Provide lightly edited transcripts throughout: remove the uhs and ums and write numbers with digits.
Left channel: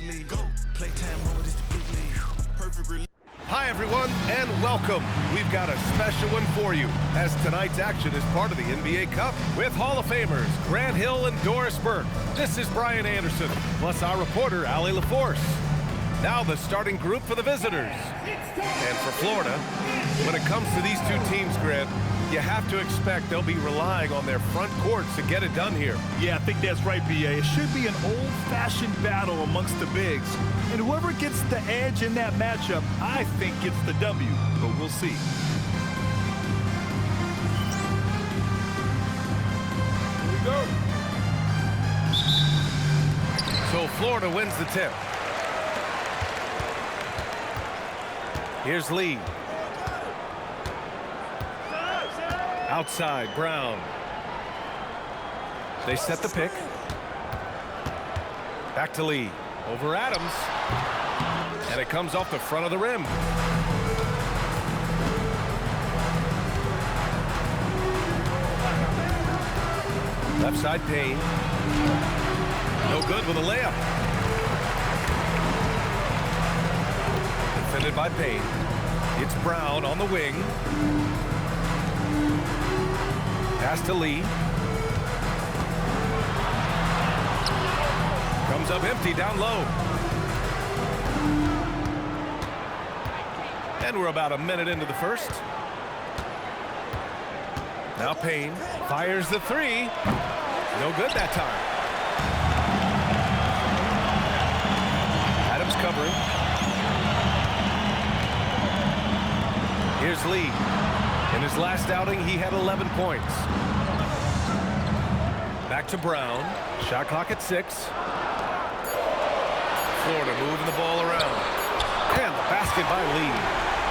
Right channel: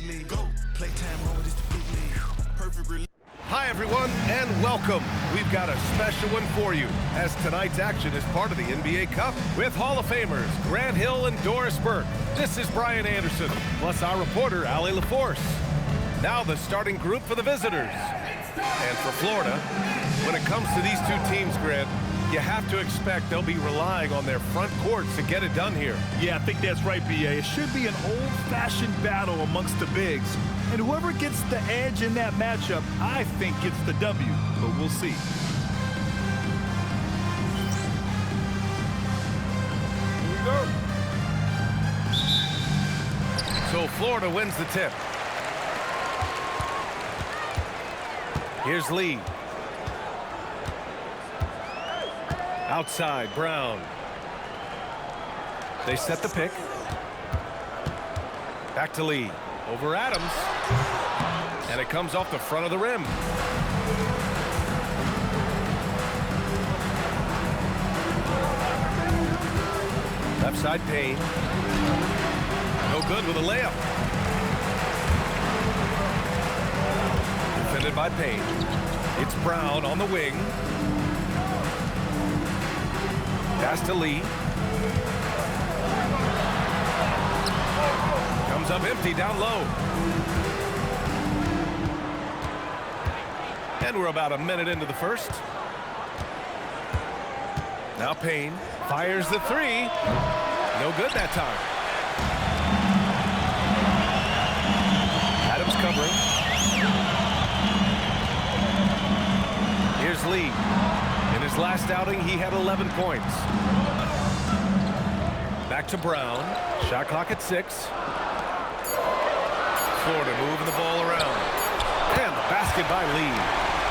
big league. Go. Playtime mode is the big league. Perfect release. Hi, everyone, and welcome. We've got a special one for you, as tonight's action is part of the NBA Cup with Hall of Famers Grant Hill and Doris Burke. This is Brian Anderson, plus our reporter, Allie LaForce. Now the starting group for the visitors. And for Florida, when it comes to these two teams, Grant, you have to expect they'll be relying on their front courts to get it done here. Yeah, I think that's right, B.A. It should be an old-fashioned battle amongst the bigs. And whoever gets the edge in that matchup, I think gets the W. But we'll see. Here we go. So Florida wins the tip. Here's Lee. Outside, Brown. They set the pick. Back to Lee. Over Adams. And it comes off the front of the rim. Left side, Payne. No good with a layup. Defended by Payne. It's Brown on the wing. Pass to Lee. Comes up empty down low. And we're about a minute into the first. Now Payne fires the three. No good that time. Adams covering. Here's Lee. In his last outing, he had 11 points. Back to Brown. Shot clock at 6. Florida moving the ball around. And the basket by Lee.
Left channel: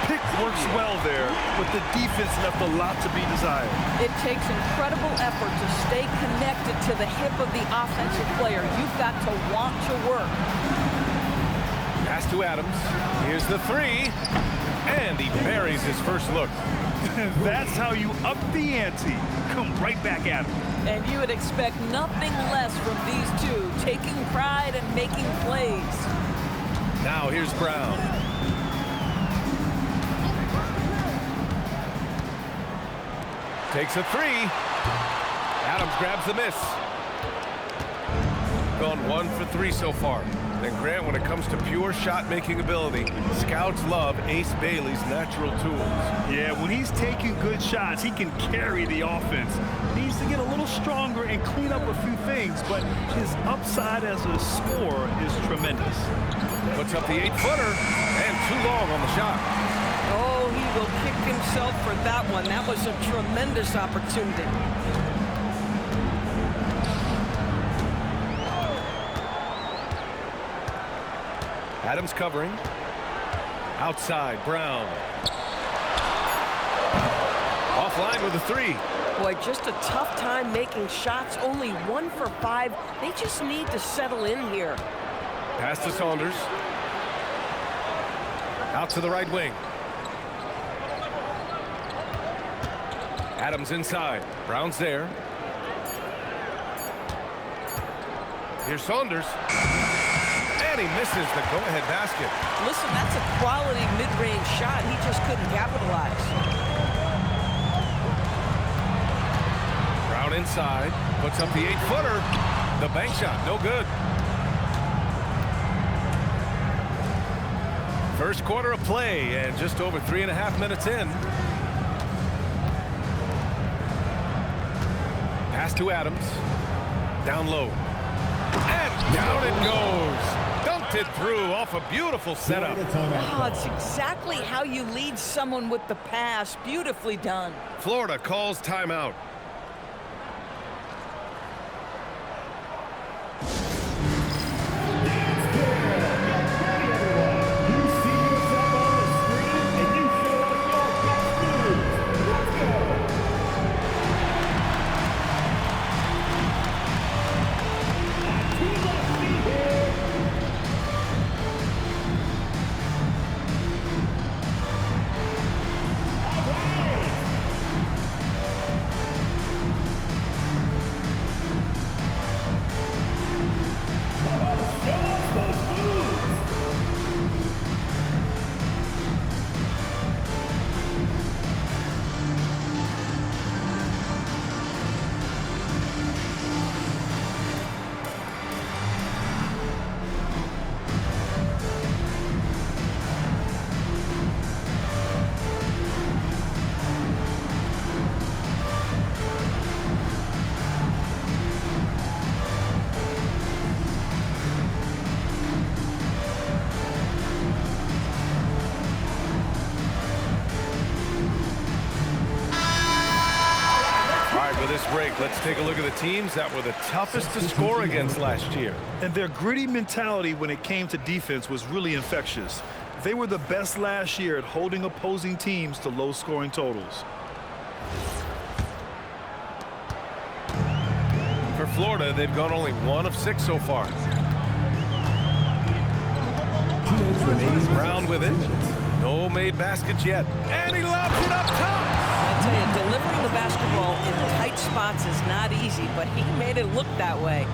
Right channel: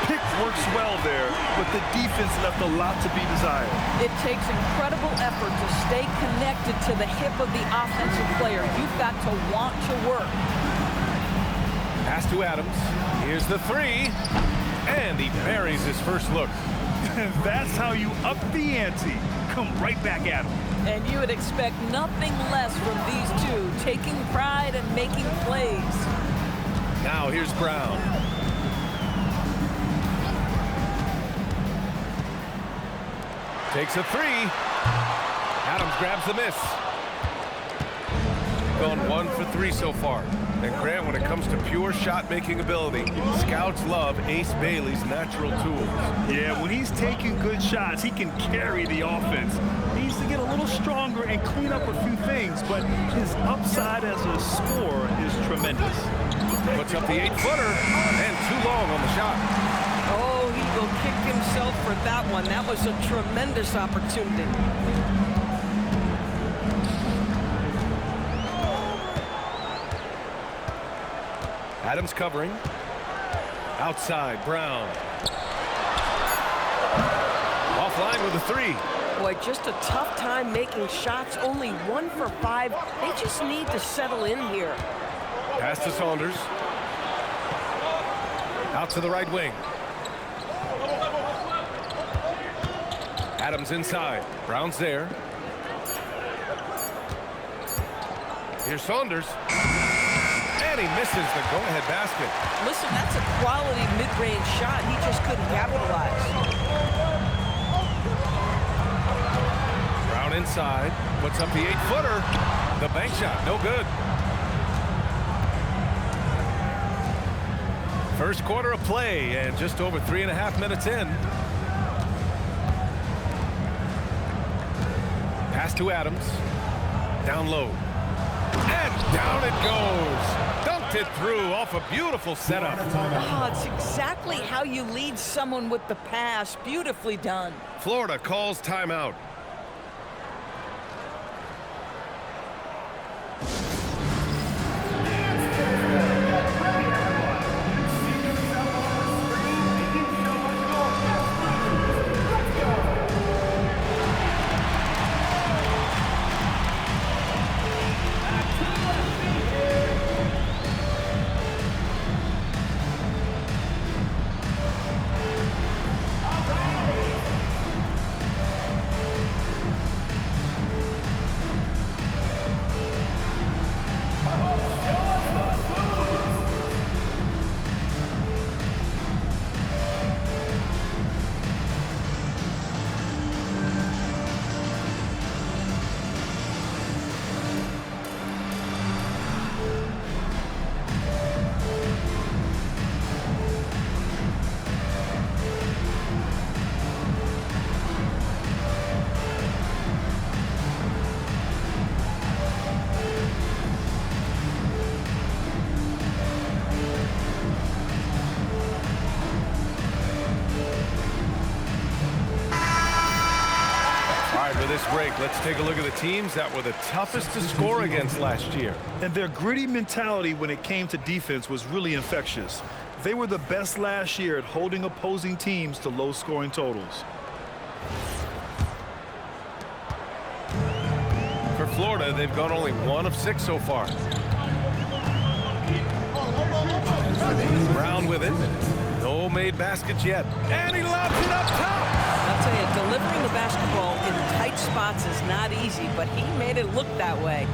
Pick works well there, but the defense left a lot to be desired. It takes incredible effort to stay connected to the hip of the offensive player. You've got to want to work. Pass to Adams. Here's the three. And he buries his first look. That's how you up the ante. Come right back at him. And you would expect nothing less from these two, taking pride and making plays. Now here's Brown. Takes a three. Adams grabs the miss. Gone 1 for 3 so far. And Grant, when it comes to pure shot-making ability, scouts love Ace Bailey's natural tools. Yeah, when he's taking good shots, he can carry the offense. He needs to get a little stronger and clean up a few things, but his upside as a scorer is tremendous. Puts up the 8-footer, and too long on the shot. Oh, he will kick himself for that one. That was a tremendous opportunity. Adams covering. Outside, Brown. Offline with a three. Boy, just a tough time making shots. Only 1 for 5. They just need to settle in here. Pass to Saunders. Out to the right wing. Adams inside. Brown's there. Here's Saunders. And he misses the go-ahead basket. Listen, that's a quality mid-range shot. He just couldn't capitalize. Brown inside. Puts up the 8-footer. The bank shot, no good. First quarter of play, and just over 3.5 minutes in. Pass to Adams. Down low. And down it goes. Dunked it through off a beautiful setup. Oh, it's exactly how you lead someone with the pass. Beautifully done. Florida calls timeout. For this break, let's take a look at the teams that were the toughest to score against last year. And their gritty mentality when it came to defense was really infectious. They were the best last year at holding opposing teams to low scoring totals. For Florida, they've gone only 1 of 6 so far. Brown with it. No made baskets yet. And he lobs it up top. I'll tell you, delivering the basketball in tight spots is not easy, but he made it look that way.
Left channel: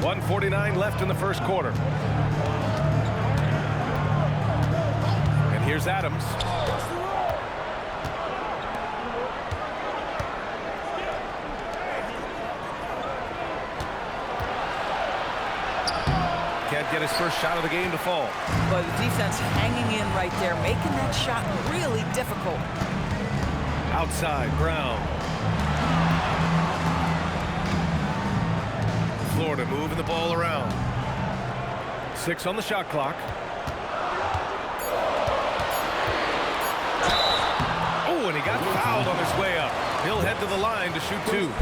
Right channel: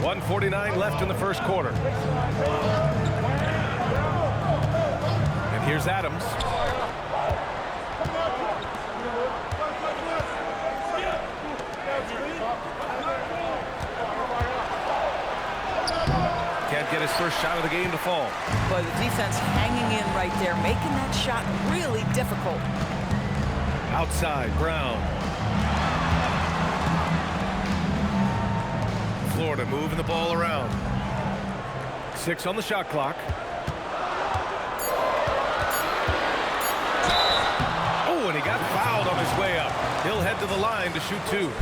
1:49 left in the first quarter. And here's Adams. Can't get his first shot of the game to fall. But the defense hanging in right there, making that shot really difficult. Outside, Brown. Florida moving the ball around. 6 on the shot clock. Oh, and he got fouled on his way up. He'll head to the line to shoot 2.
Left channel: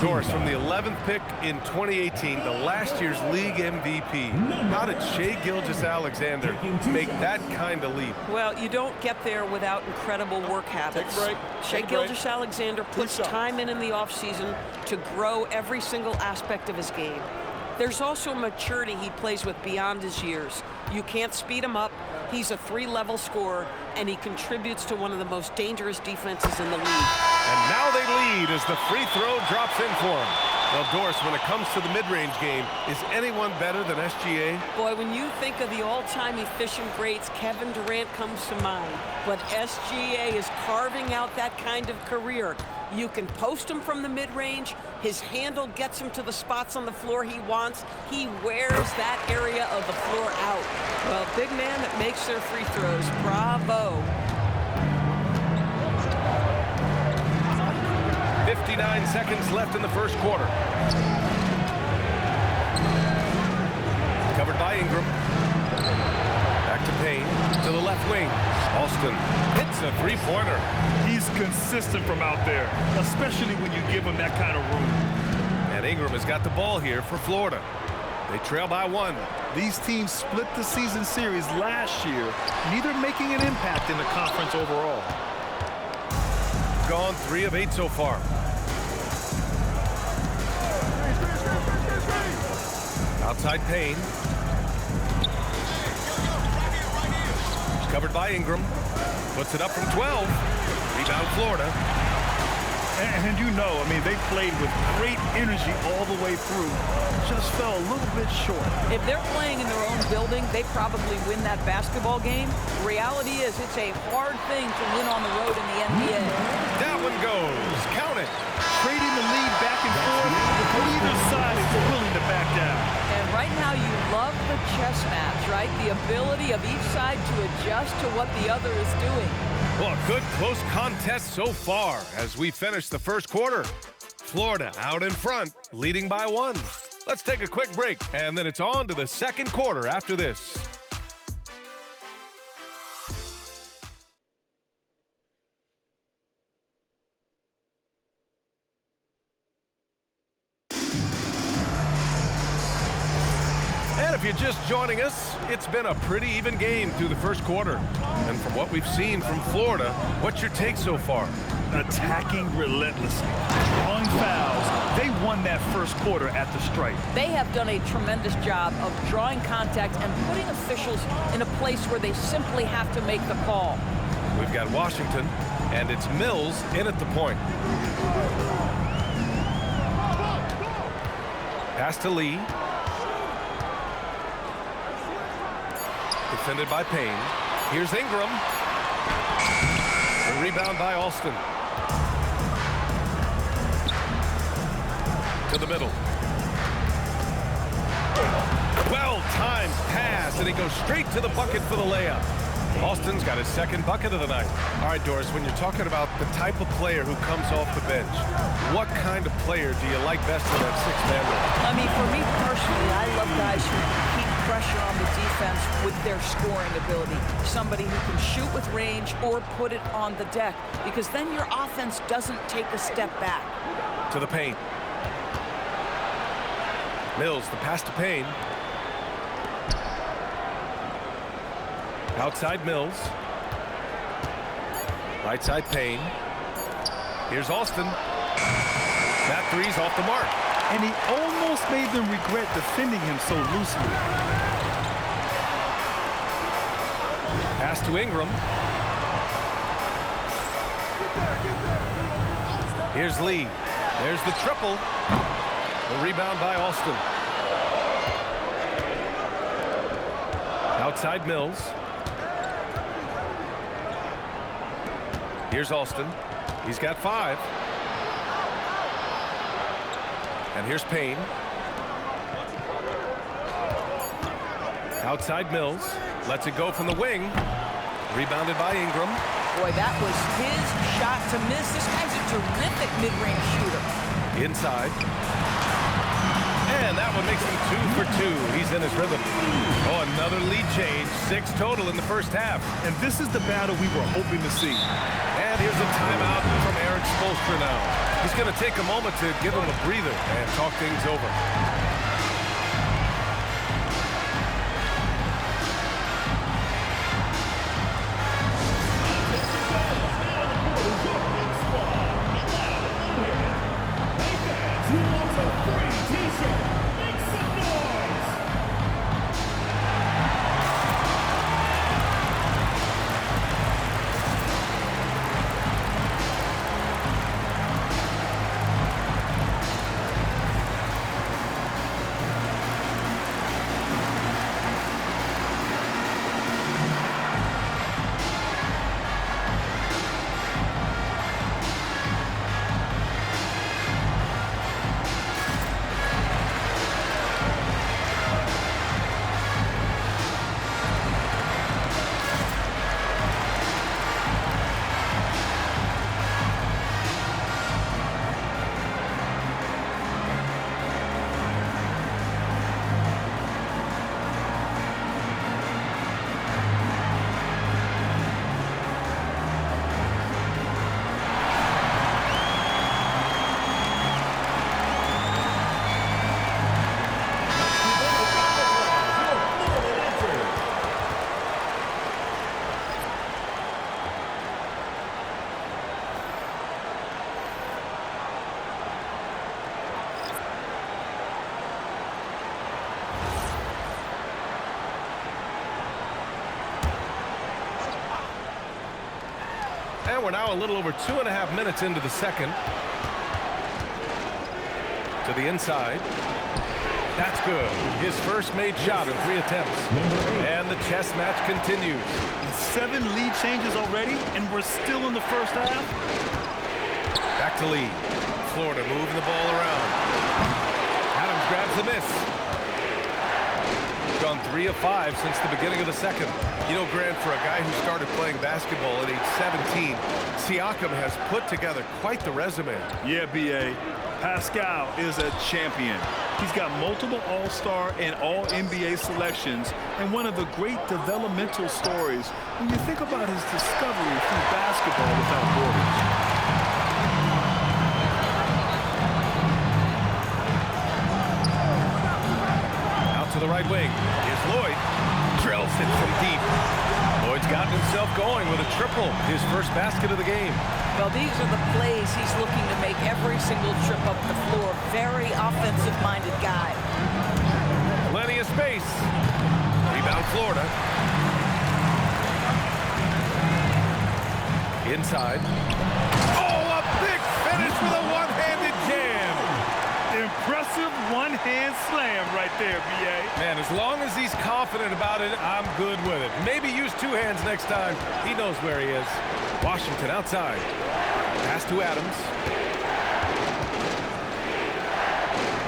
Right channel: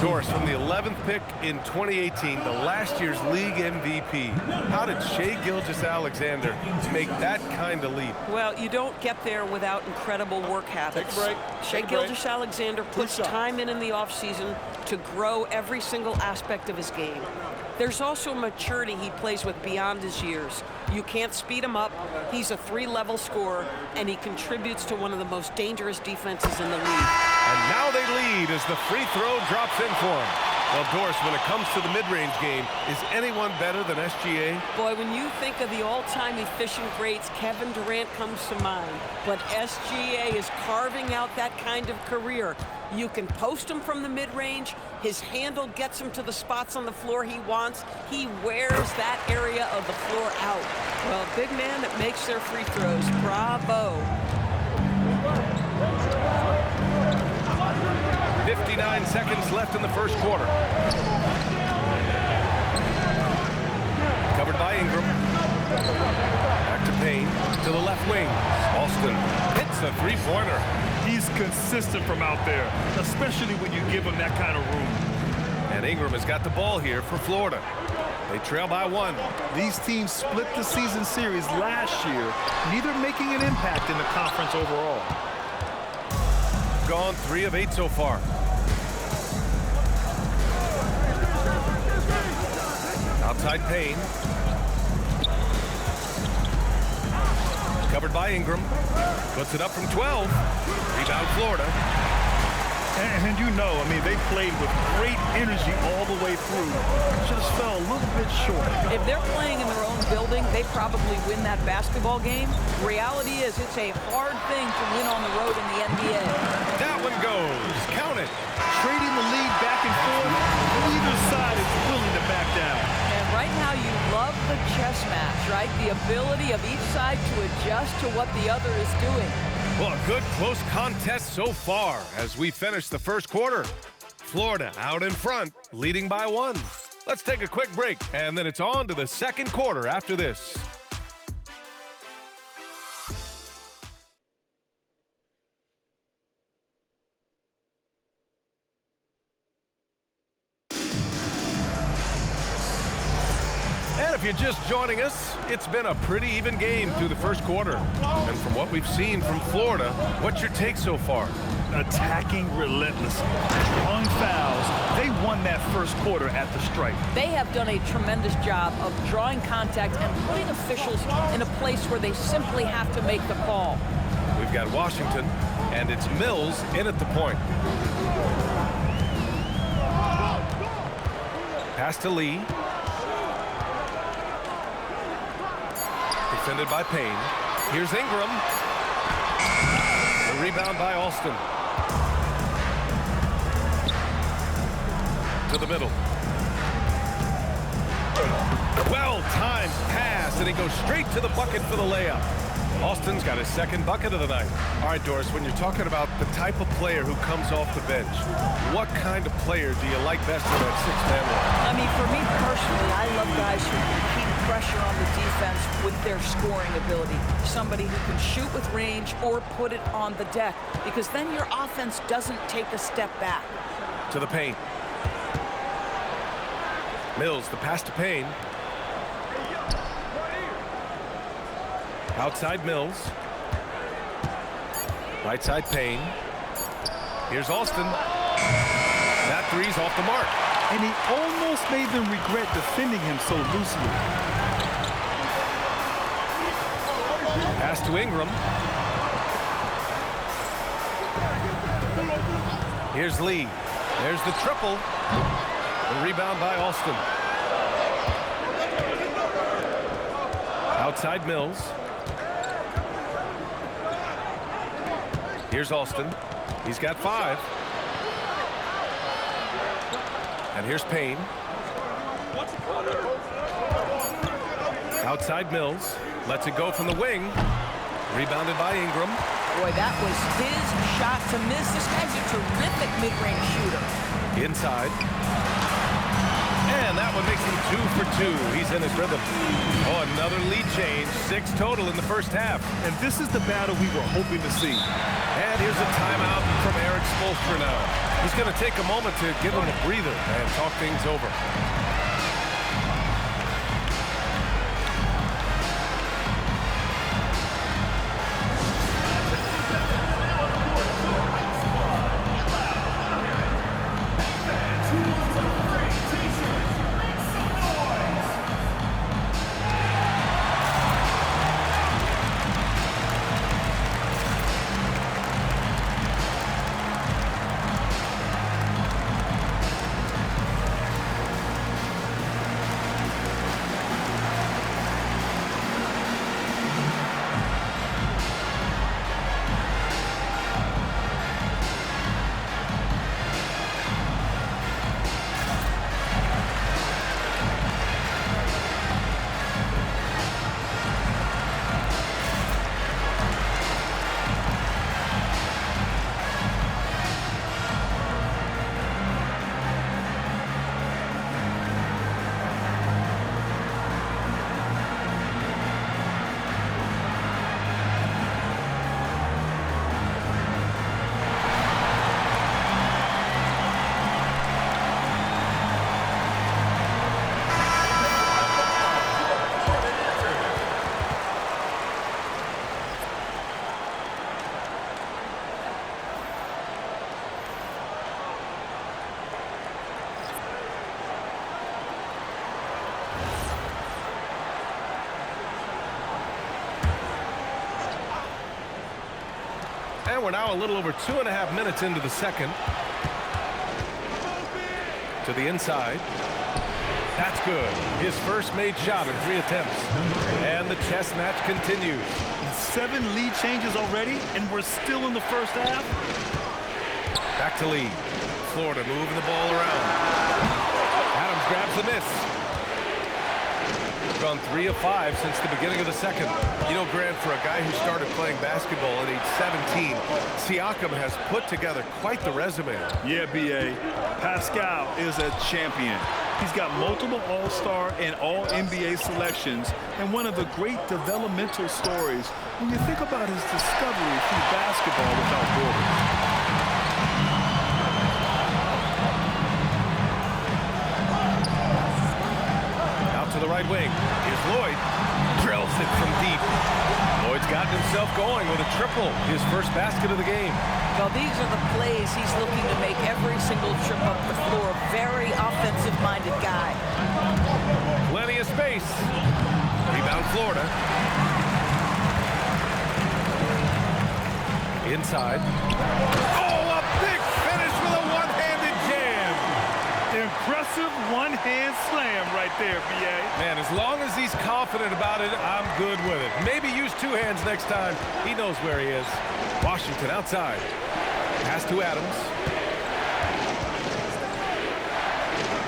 Doris, from the 11th pick in 2018, the last year's league MVP. How did Shai Gilgeous-Alexander make that kind of leap? Well, you don't get there without incredible work habits. Shai Gilgeous-Alexander puts time in the offseason to grow every single aspect of his game. There's also maturity he plays with beyond his years. You can't speed him up. He's a 3-level scorer, and he contributes to one of the most dangerous defenses in the league. And now they lead as the free throw drops in for him. Well, Doris, when it comes to the mid-range game, is anyone better than SGA? Boy, when you think of the all-time efficient greats, Kevin Durant comes to mind. But SGA is carving out that kind of career. You can post him from the mid-range. His handle gets him to the spots on the floor he wants. He wears that area of the floor out. Well, big man that makes their free throws. Bravo. 59 seconds left in the first quarter. Covered by Ingram. Back to Payne, to the left wing. Alston hits a three-pointer. He's consistent from out there, especially when you give him that kind of room. And Ingram has got the ball here for Florida. They trail by 1. These teams split the season series last year, neither making an impact in the conference overall. Gone 3 of 8 so far. Outside Payne. Covered by Ingram. Puts it up from 12. Rebound Florida. And you know, I mean, they played with great energy all the way through. Just fell a little bit short. If they're playing in their own building, they probably win that basketball game. Reality is it's a hard thing to win on the road in the NBA. That one goes. Count it. Trading the lead back and forth, neither side is willing to back down. And right now you love the chess match, right? The ability of each side to adjust to what the other is doing. Well, a good close contest so far as we finish the first quarter. Florida out in front, leading by 1. Let's take a quick break, and then it's on to the second quarter after this. And if you're just joining us, it's been a pretty even game through the first quarter. And from what we've seen from Florida, what's your take so far? Attacking relentlessly, drawing fouls. They won that first quarter at the stripe. They have done a tremendous job of drawing contact and putting officials in a place where they simply have to make the call. We've got Washington, and it's Mills in at the point. Pass to Lee. Defended by Payne. Here's Ingram. The rebound by Alston. To the middle. Well-timed pass, and he goes straight to the bucket for the layup. Alston's got his second bucket of the night. All right, Doris, when you're talking about the type of player who comes off the bench, what kind of player do you like best in that 6-man role? I mean, for me personally, I love guys who can keep pressure on the defense with their scoring ability. Somebody who can shoot with range or put it on the deck, because then your offense doesn't take a step back. To the paint. Mills, the pass to Payne. Outside Mills. Right side Payne. Here's Alston. That three's off the mark. And he almost made them regret defending him so loosely. Pass to Ingram. Here's Lee. There's the triple. The rebound by Alston. Outside Mills. Here's Alston. He's got 5. And here's Payne. Outside Mills. Lets it go from the wing. Rebounded by Ingram. Boy, that was his shot to miss. This guy's a terrific mid-range shooter. Inside. And that one makes him 2 for 2. He's in his rhythm. Oh, another lead change. 6 total in the first half. And this is the battle we were hoping to see. And here's a timeout from Eric Spoelstra now. He's going to take a moment to give him a breather and talk things over. And we're now a little over 2.5 minutes into the second. To the inside. That's good. His first made shot in 3 attempts. And the chess match continues. 7 lead changes already, and we're still in the first half. Back to Lee. Florida moving the ball around. Adams grabs the miss. Gone 3 of 5 since the beginning of the second. You know, Grant, for a guy who started playing basketball at age 17, Siakam has put together quite the resume. Yeah, B.A. Pascal is a champion. He's got multiple All-Star and All-NBA selections, and one of the great developmental stories when you think about his discovery through basketball without borders. To the right wing. Here's Lloyd. Drills it from deep. Lloyd's gotten himself going with a triple. His first basket of the game. Well, these are the plays he's looking to make every single trip up the floor. Very offensive-minded guy. Plenty of space. Rebound Florida. Inside. Oh, a big finish with a one-handed jam. Impressive one-hand slam right there, B.A. Man, as long as he's confident about it, I'm good with it. Maybe use 2 hands next time. He knows where he is. Washington outside. Pass to Adams.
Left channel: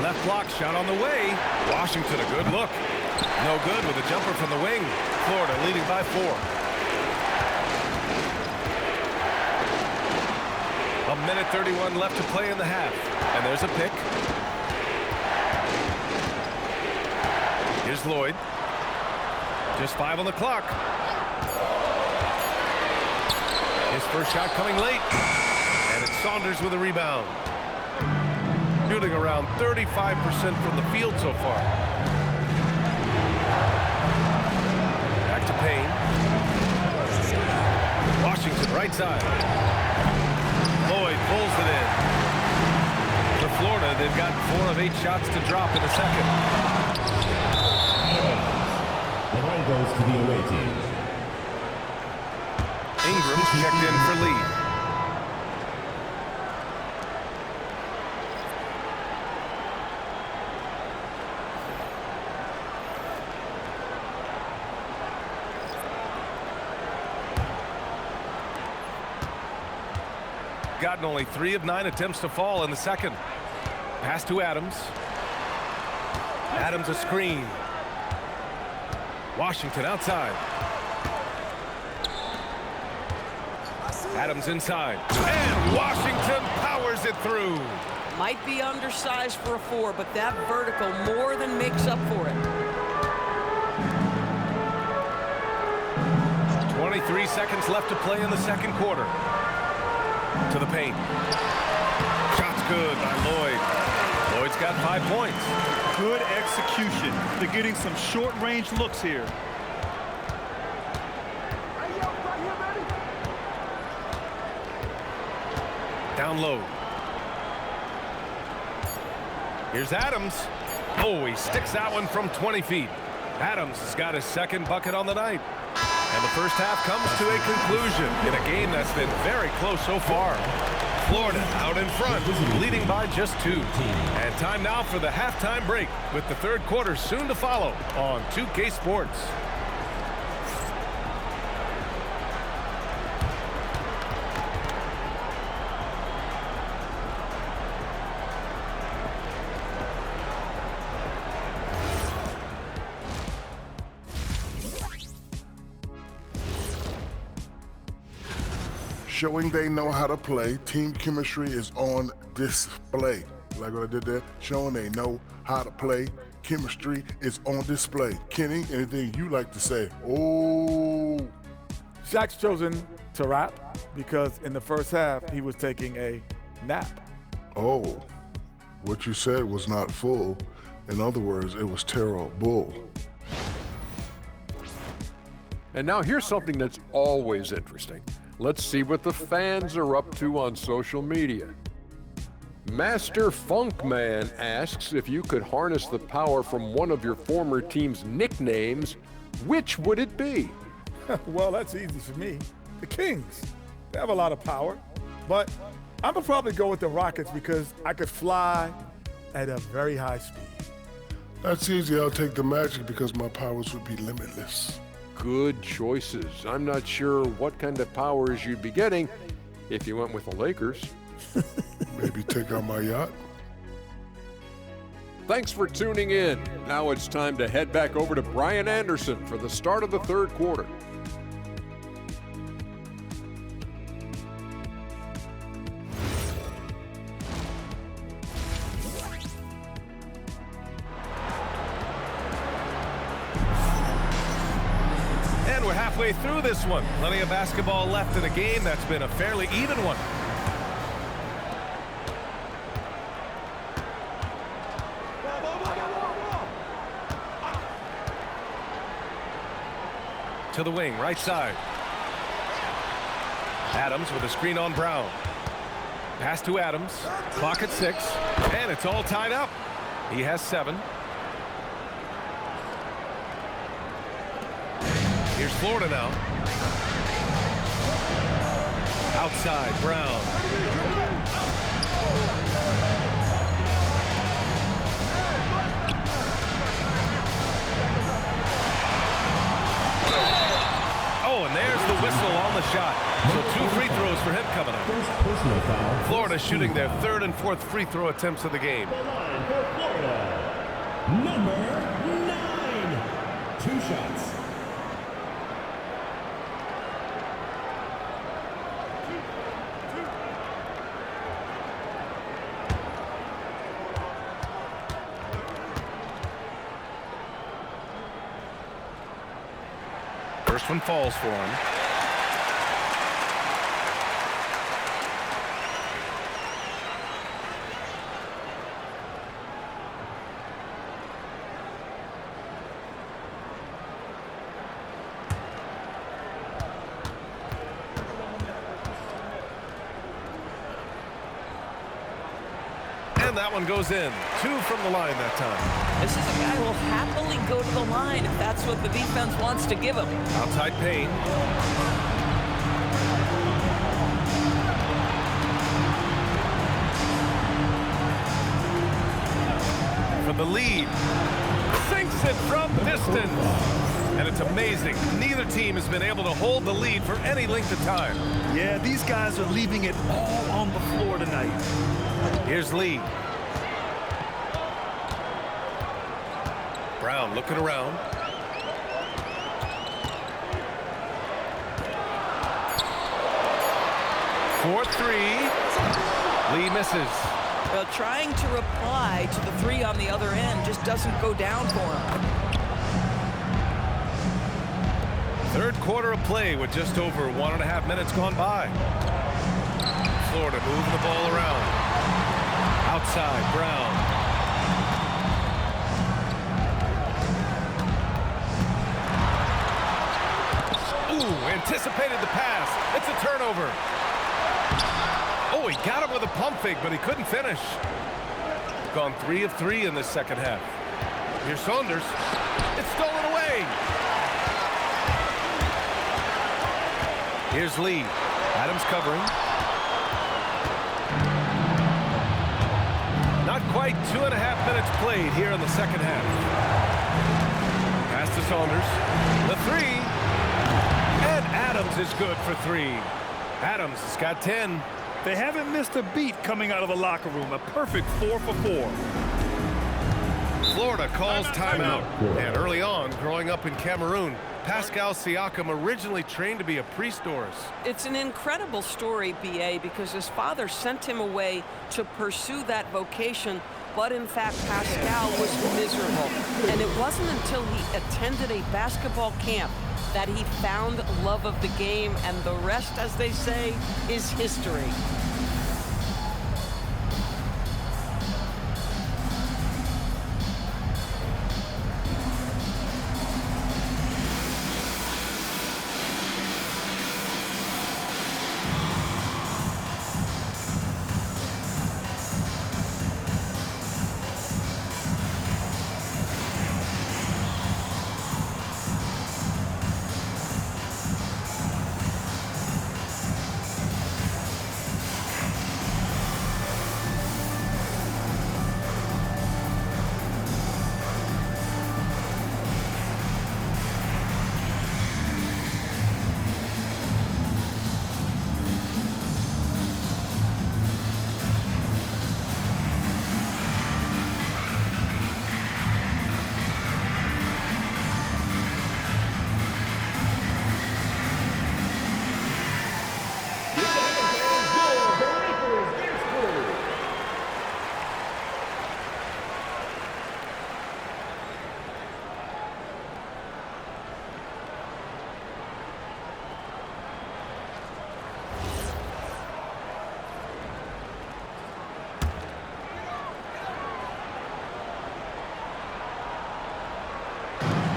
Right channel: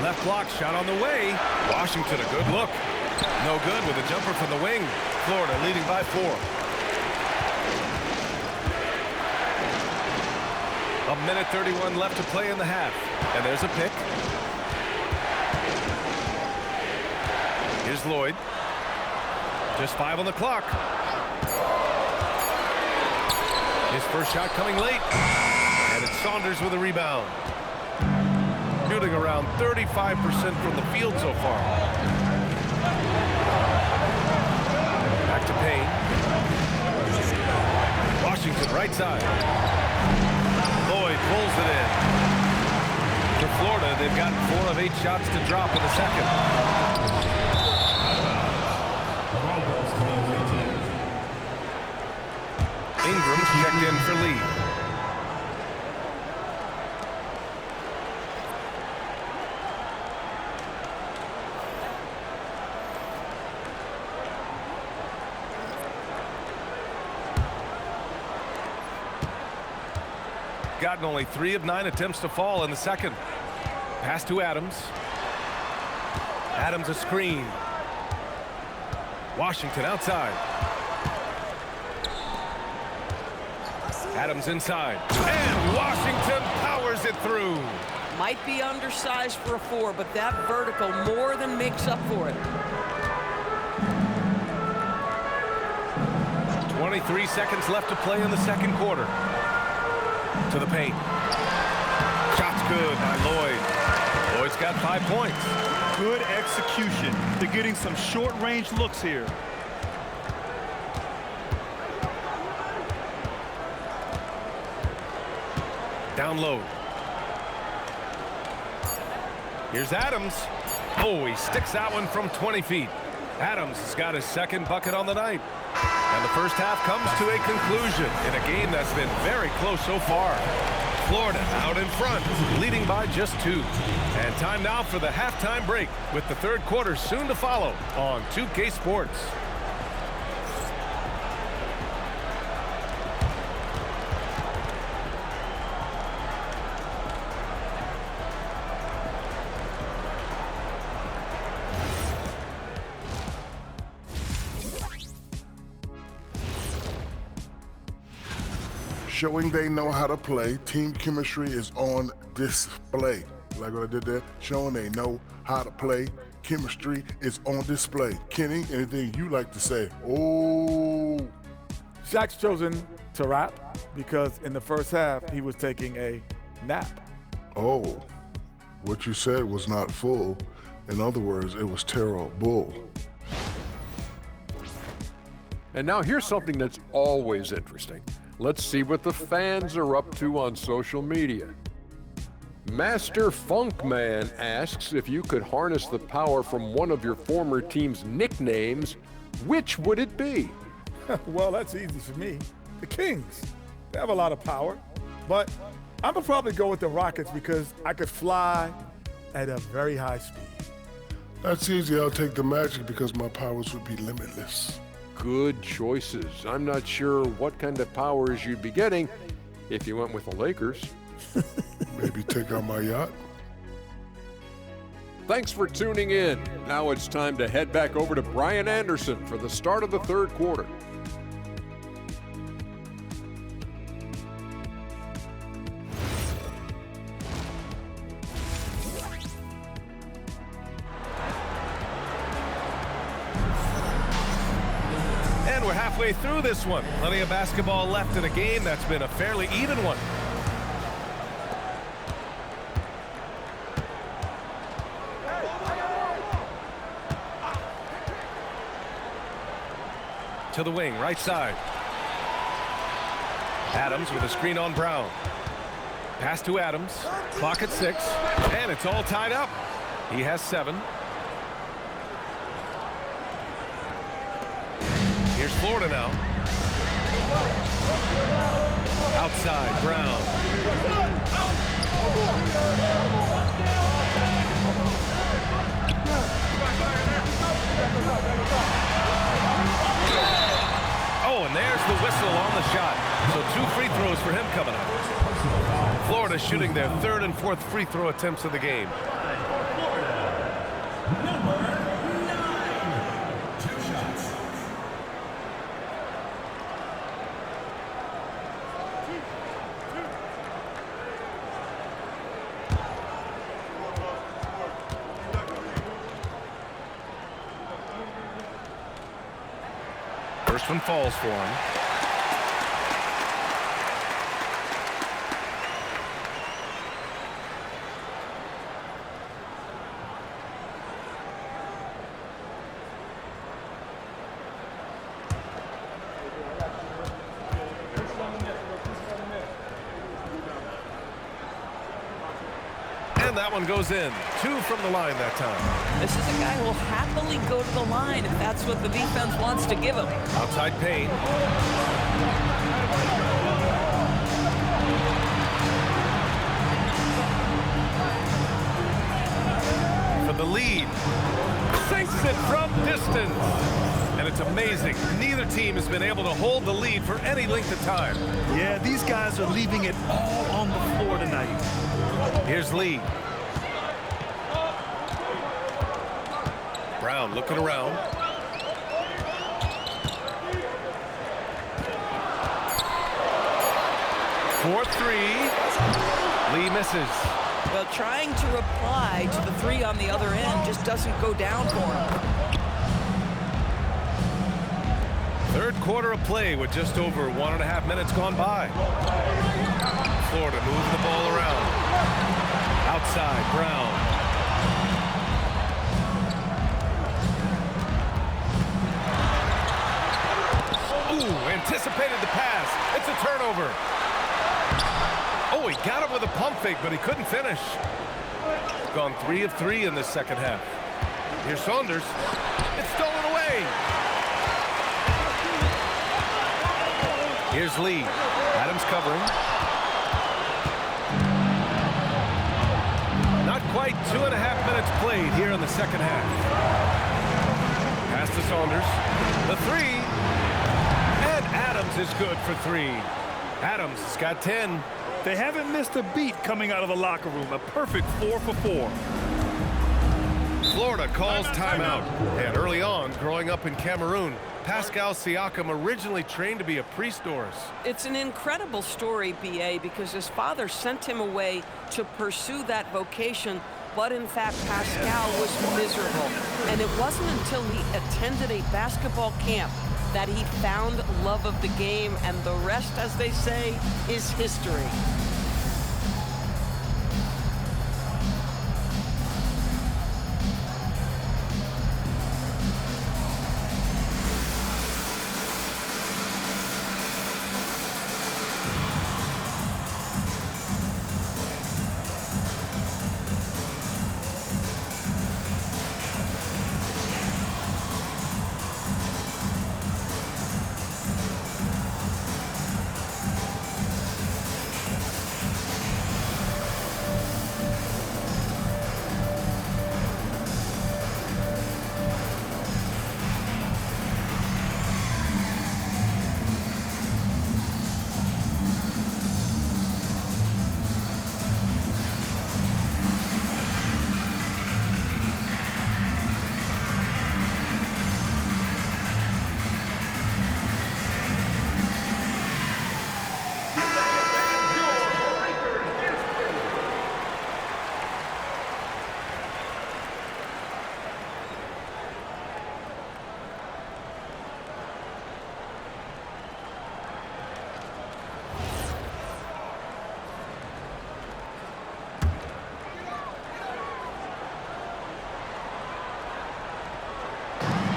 Left block shot on the way. Washington a good look. No good with a jumper from the wing. Florida leading by 4. A minute 31 left to play in the half. And there's a pick. Here's Lloyd. Just 5 on the clock. His first shot coming late. And it's Saunders with a rebound. Shooting around 35% from the field so far. Back to Payne. Washington right side. Lloyd pulls it in. For Florida, they've got 4 of 8 shots to drop in the second. The ball goes to the away team. Ingram's checked in for Lee. Gotten only 3 of 9 attempts to fall in the second. Pass to Adams. Adams a screen. Washington outside. Adams inside. And Washington powers it through. Might be undersized for a 4, but that vertical more than makes up for it. 23 seconds left to play in the second quarter. To the paint. Shot's good by Lloyd. Lloyd's got 5 points. Good execution. They're getting some short-range looks here. Down low. Here's Adams. Oh, he sticks that one from 20 feet. Adams has got his second bucket on the night. And the first half comes to a conclusion in a game that's been very close so far. Florida out in front, leading by just 2. And time now for the halftime break, with the third quarter soon to follow on 2K Sports. Showing they know how to play, team chemistry is on display. Like what I did there, showing they know how to play, chemistry is on display. Kenny, anything you like to say? Oh. Shaq's chosen to rap because in the first half, he was taking a nap. Oh, what you said was not full. In other words, it was terrible. And now here's something that's always interesting. Let's see what the fans are up to on social media. Master Funkman asks if you could harness the power from one of your former team's nicknames, which would it be? Well, that's easy for me. The Kings. They have a lot of power. But I'm going to probably go with the Rockets because I could fly at a very high speed. That's easy. I'll take the Magic because my powers would be limitless. Good choices. I'm not sure what kind of powers you'd be getting if you went with the Lakers. Maybe take out my yacht. Thanks for tuning in. Now it's time to head back over to Brian Anderson for the start of the third quarter. And we're halfway through this one. Plenty of basketball left in a game that's been a fairly even one. To the wing, right side. Adams with a screen on Brown. Pass to Adams. Clock at 6. And it's all tied up. He has 7. Here's Florida now. Outside, Brown. Oh, and there's the whistle on the shot. So 2 free throws for him coming up. Florida shooting their 3rd and 4th free throw attempts of the game. Number 9. 2 shots. First one falls for him. And that one goes in. 2 from the line that time. This is a guy who will happily go to the line if that's what the defense wants to give him. Outside Payne. For the lead. Sinks it from distance. And it's amazing. Neither team has been able to hold the lead for any length of time. Yeah, these guys are leaving it all on the floor tonight. Here's Lee. Brown looking around. For 3. Lee misses. Well, trying to reply to the 3 on the other end just doesn't go down for him. Third quarter of play with just over 1.5 minutes gone by. Florida moving the ball around. Outside, Brown. Ooh, anticipated the pass. It's a turnover. Oh, he got him with a pump fake, but he couldn't finish. Gone 3 of 3 in this second half. Here's Saunders. It's stolen away. Here's Lee. Adams covering. Not quite 2.5 minutes played here in the second half. Pass to Saunders. The 3. And Adams is good for 3. Adams has got 10. They haven't missed a beat coming out of the locker room. A perfect 4 for 4. Florida calls timeout. And early on, growing up in Cameroon, Pascal Siakam originally trained to be a priest, Doris. It's an incredible story, B.A., because his father sent him away to pursue that vocation, but in fact, Pascal was miserable. And it wasn't until he attended a basketball camp that he found love of the game, and the rest, as they say, is history.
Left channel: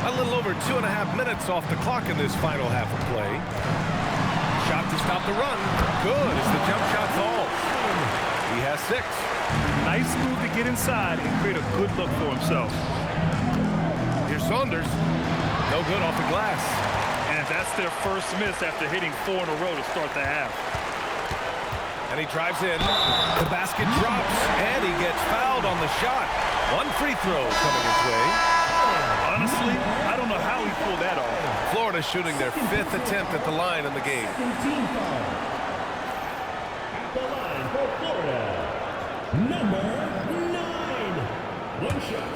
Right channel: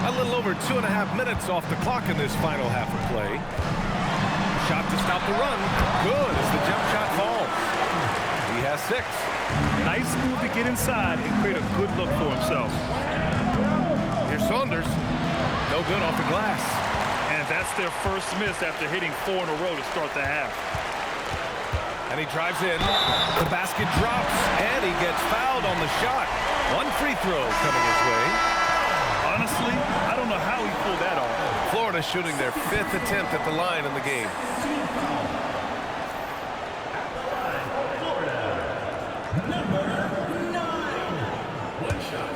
A little over 2.5 minutes off the clock in this final half of play. Shot to stop the run. Good as the jump shot falls. He has 6. Nice move to get inside and create a good look for himself. Here's Saunders. No good off the glass. And that's their first miss after hitting 4 in a row to start the half. And he drives in. The basket drops, and he gets fouled on the shot. 1 free throw coming his way. Honestly, I don't know how he pulled that off. Florida shooting their 5th attempt at the line in the game. At the line for Florida, number 9. 1 shot.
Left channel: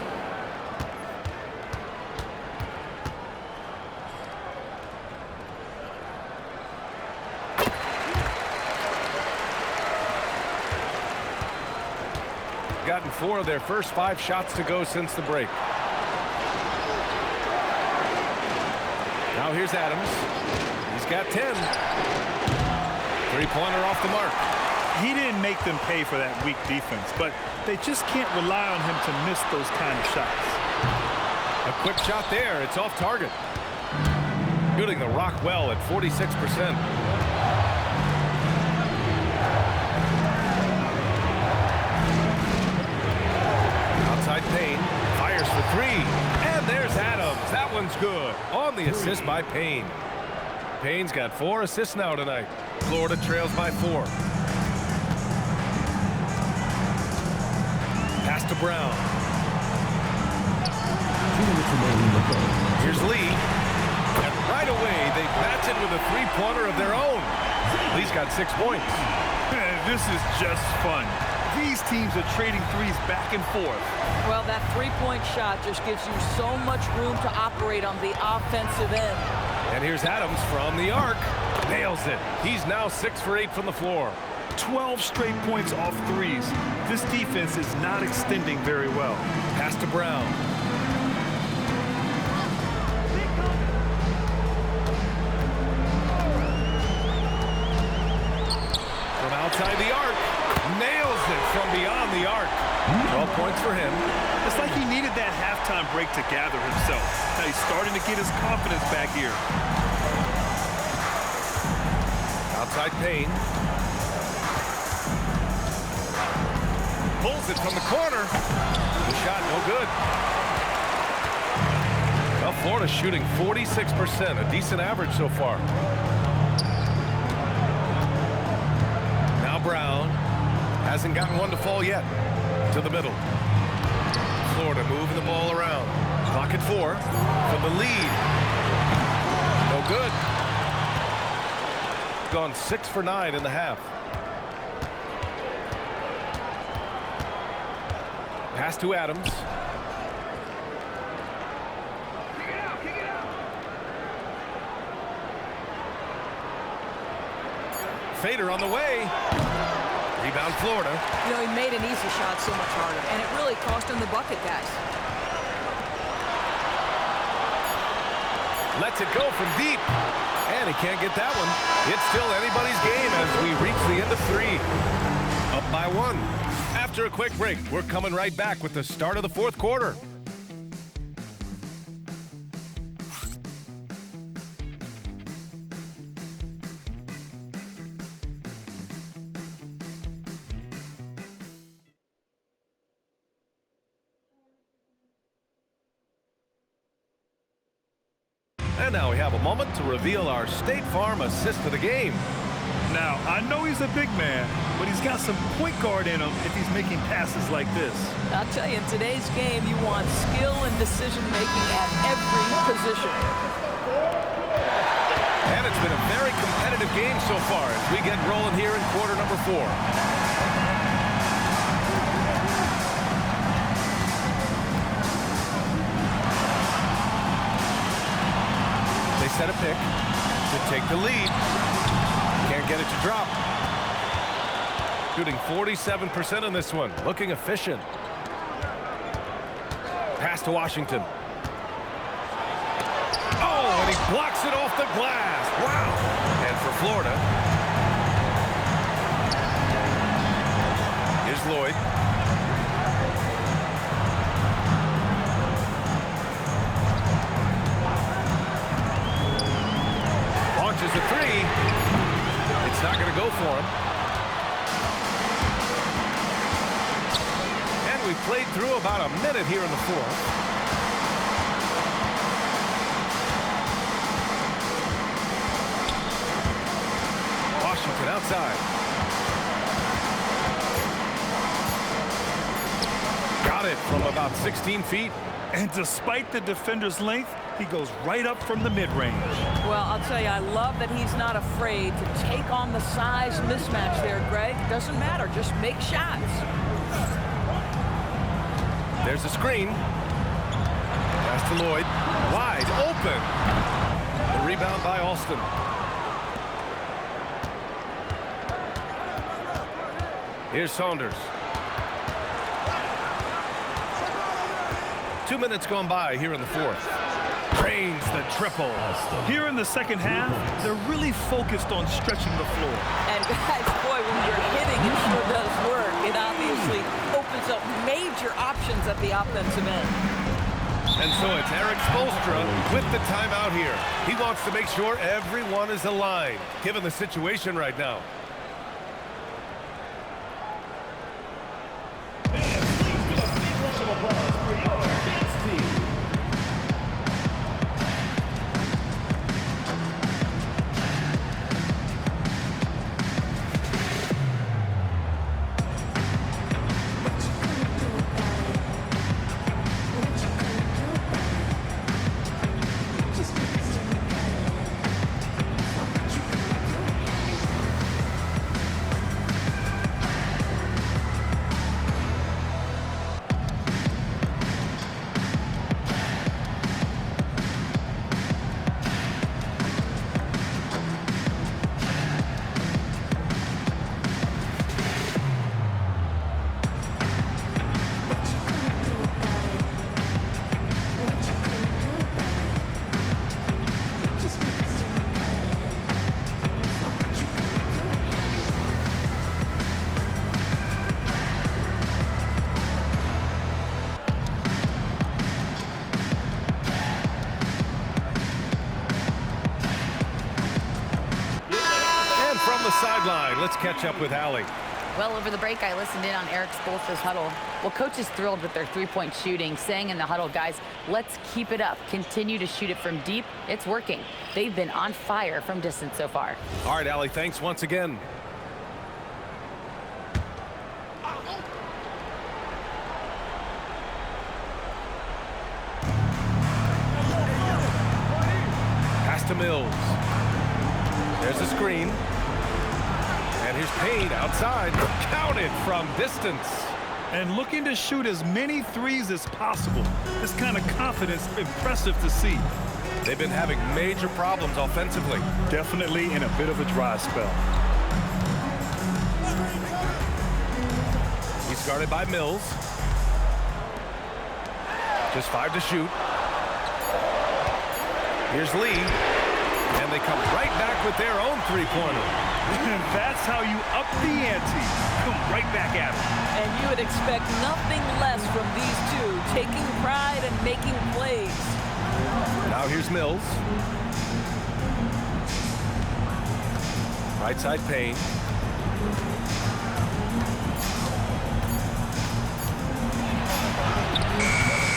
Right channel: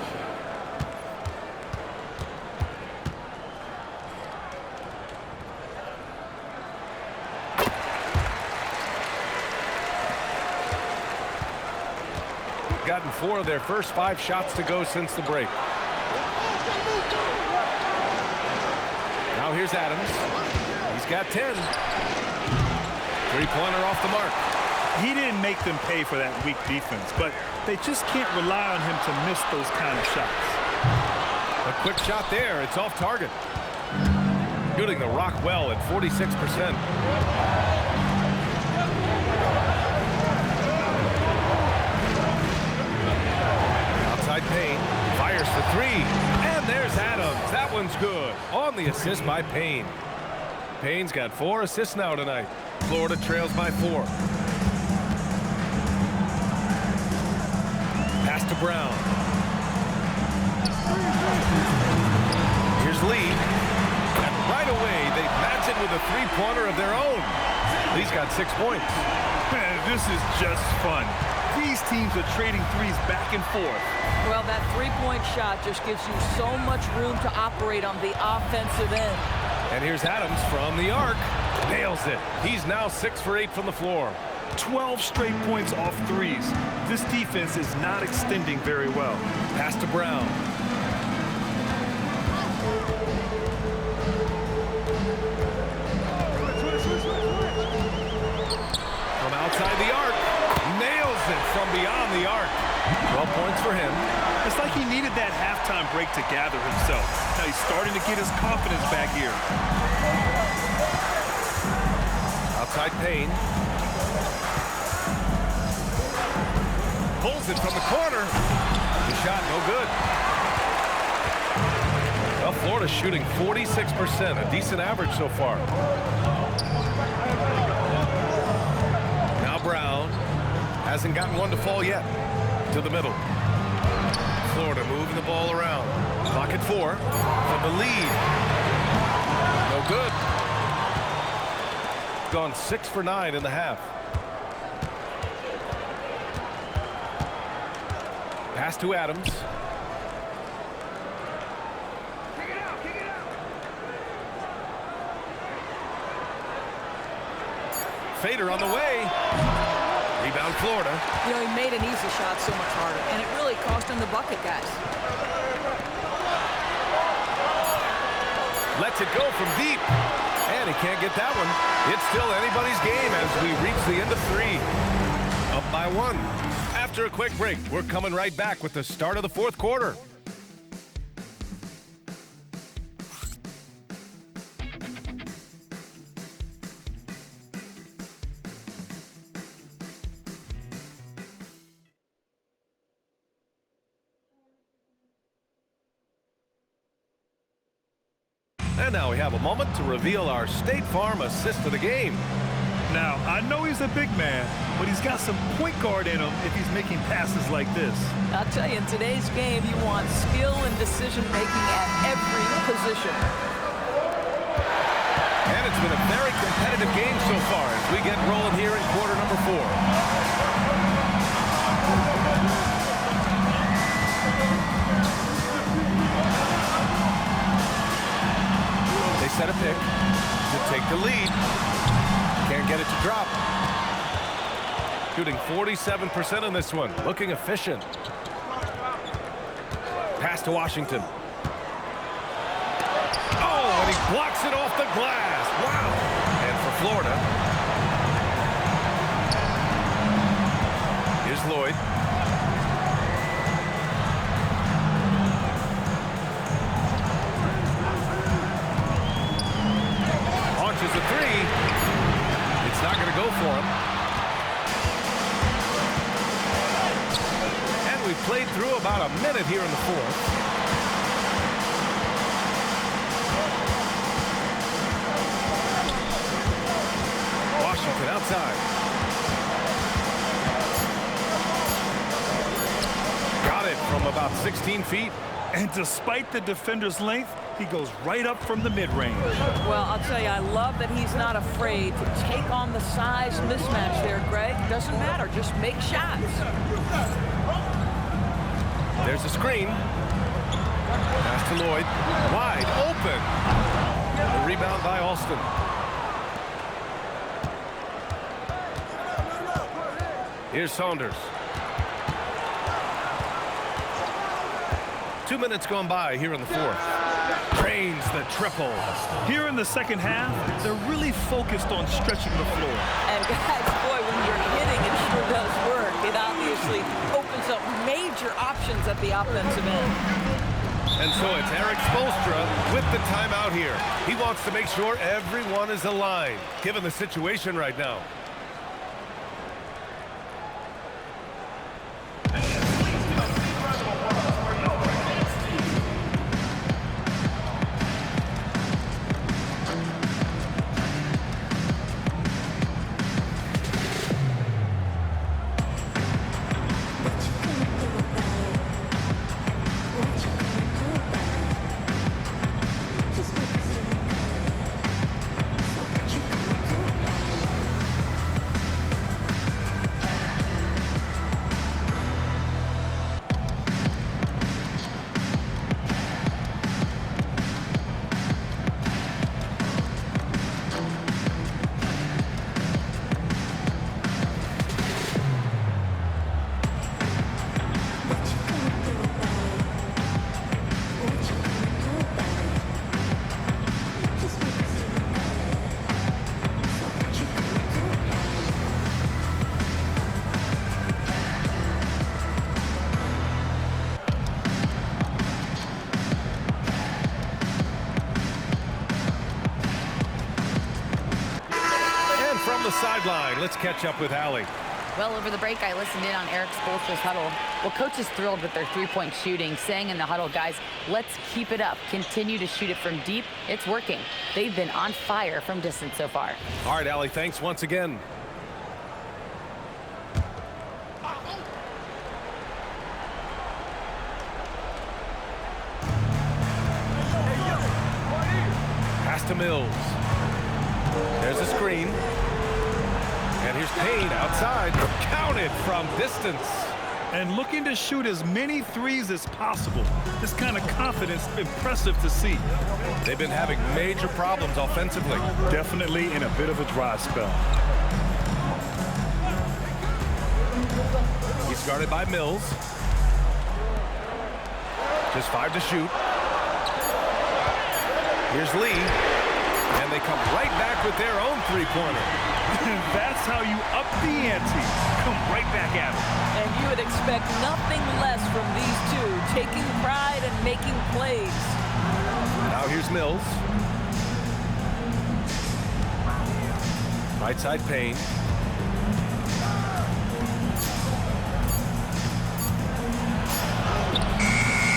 Gotten 4 of their first 5 shots to go since the break. Now here's Adams. He's got 10. Three-pointer off the mark. He didn't make them pay for that weak defense, but they just can't rely on him to miss those kind of shots. A quick shot there. It's off target. Shooting the rock well at 46%. Outside Payne. Fires for three. And there's Adams. That one's good. On the assist by Payne. Payne's got 4 assists now tonight. Florida trails by 4. Pass to Brown. Here's Lee. And right away, they match it with a three-pointer of their own. Lee's got 6 points. This is just fun. These teams are trading threes back and forth. Well, that three-point shot just gives you so much room to operate on the offensive end. And here's Adams from the arc. Nails it. He's now 6 for 8 from the floor. 12 straight points off threes. This defense is not extending very well. Pass to Brown. From outside the arc. Nails it from beyond the arc. 12 points for him. It's like he needed that halftime break to gather himself. Now he's starting to get his confidence back here. Outside Payne. Pulls it from the corner. The shot no good. Well, Florida's shooting 46%, a decent average so far. Now Brown hasn't gotten one to fall yet. To the middle. Florida moving the ball around. Clock at 4 for the lead. No good. Gone 6 for 9 in the half. Pass to Adams. Kick it out, kick it out. Fader on the way. Rebound Florida. You know, he made an easy shot so much harder, and it really cost him the bucket, guys. Lets it go from deep. And he can't get that one. It's still anybody's game as we reach the end of 3. Up by 1. After a quick break, we're coming right back with the start of the 4th quarter. And now we have a moment to reveal our State Farm assist of the game. Now, I know he's a big man, but he's got some point guard in him if he's making passes like this. I'll tell you, in today's game, you want skill and decision-making at every position. And it's been a very competitive game so far as we get rolling here in quarter number 4. They set a pick to take the lead. Can't get it to drop. Shooting 47% on this one. Looking efficient. Pass to Washington. Oh, and he blocks it off the glass. Wow. And for Florida, here's Lloyd. Launches a 3. It's not going to go for him. And we've played through about a minute here in the 4th. Washington outside. Got it from about 16 feet. And despite the defender's length, he goes right up from the mid-range. Well, I'll tell you, I love that he's not afraid to take on the size mismatch there, Greg. Doesn't matter. Just make shots. There's a screen. Pass to Lloyd. Wide open. The rebound by Alston. Here's Saunders. 2 minutes gone by here in the 4th. Drains the triple. Here in the second half, they're really focused on stretching the floor. And guys, boy, when you're hitting, it sure does work. It obviously opens up major options at the offensive end. And so it's Eric Spoelstra with the timeout here. He wants to make sure everyone is aligned, given the situation right now. From the sideline, let's catch up with Allie. Well, over the break, I listened in on Eric Spoelstra's huddle. Well, coach is thrilled with their three-point shooting, saying in the huddle, guys, let's keep it up. Continue to shoot it from deep. It's working. They've been on fire from distance so far. All right, Allie, thanks once again. Pass to Mills. There's a screen. And here's Payne outside. Counted from distance. And looking to shoot as many threes as possible. This kind of confidence, impressive to see. They've been having major problems offensively. Definitely in a bit of a dry spell. He's guarded by Mills. Just 5 to shoot. Here's Lee. And they come right back with their own three-pointer. That's how you up the ante. Come right back at it. And you would expect nothing less from these two, taking pride and making plays. Now here's Mills. Right side Payne.